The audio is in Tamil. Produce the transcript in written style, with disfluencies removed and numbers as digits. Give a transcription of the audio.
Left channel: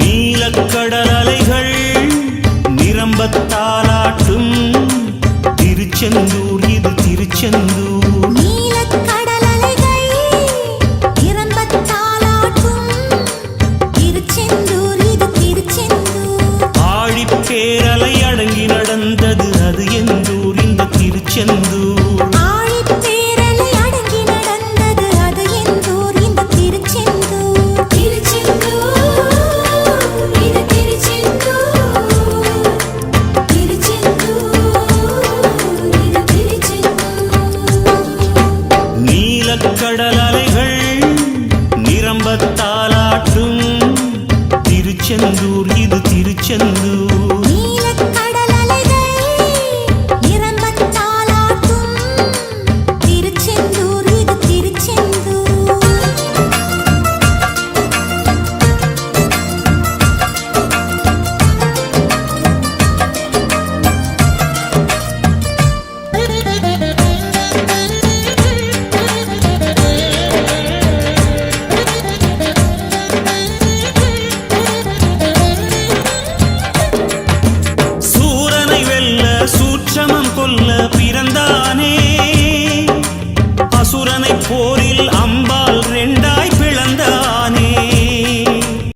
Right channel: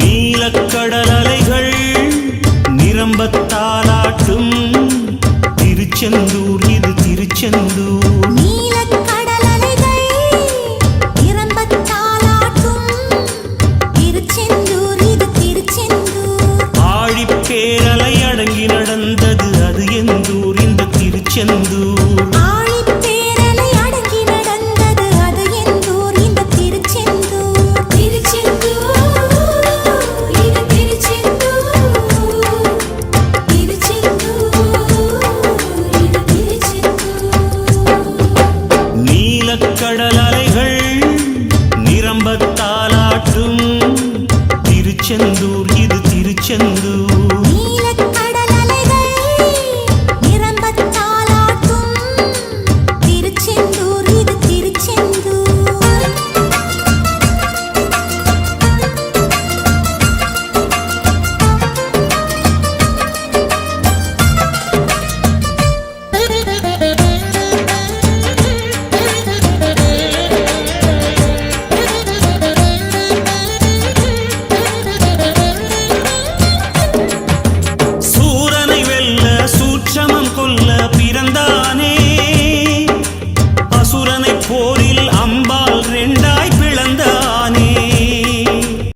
நீலக்கடல் அலைகள் நிரம்பத்தாலாட்டும் திருச்செந்தூர் இது திருச்செந்தூர். நீலக்கடல் அலைகள் நிரம்பத்தாலாட்டும் திருச்செந்தூர் இது திருச்செந்தூர். ஆழிப்பேரலை அடங்கி நடந்தது அது எந்தூர் இந்த திருச்செந்தூர். ஆழிப்பேரலை அடங்கி நடந்தது அது எந்தூர் இந்த திருச்செந்தூர். திருச்செந்தூர் இது திருச்செந்தூர். திருச்செந்தூர் இது திருச்செந்தூர். நீலக்கடல் அலைகள் நிரம்பத்தாலாட்டும் திருச்செந்தூர் இது திருச்செந்தூர். நீலக்கடல் அலைகள் நிரம்பத்தாலாட்டும் திருச்செந்தூர் இது திருச்செந்தூர். சூரனை வெல்ல சூட்சமம் கொல்ல பிறந்தானே, அசுரனை போரில் அம்பால் ரெண்டாய் பிளந்தானே.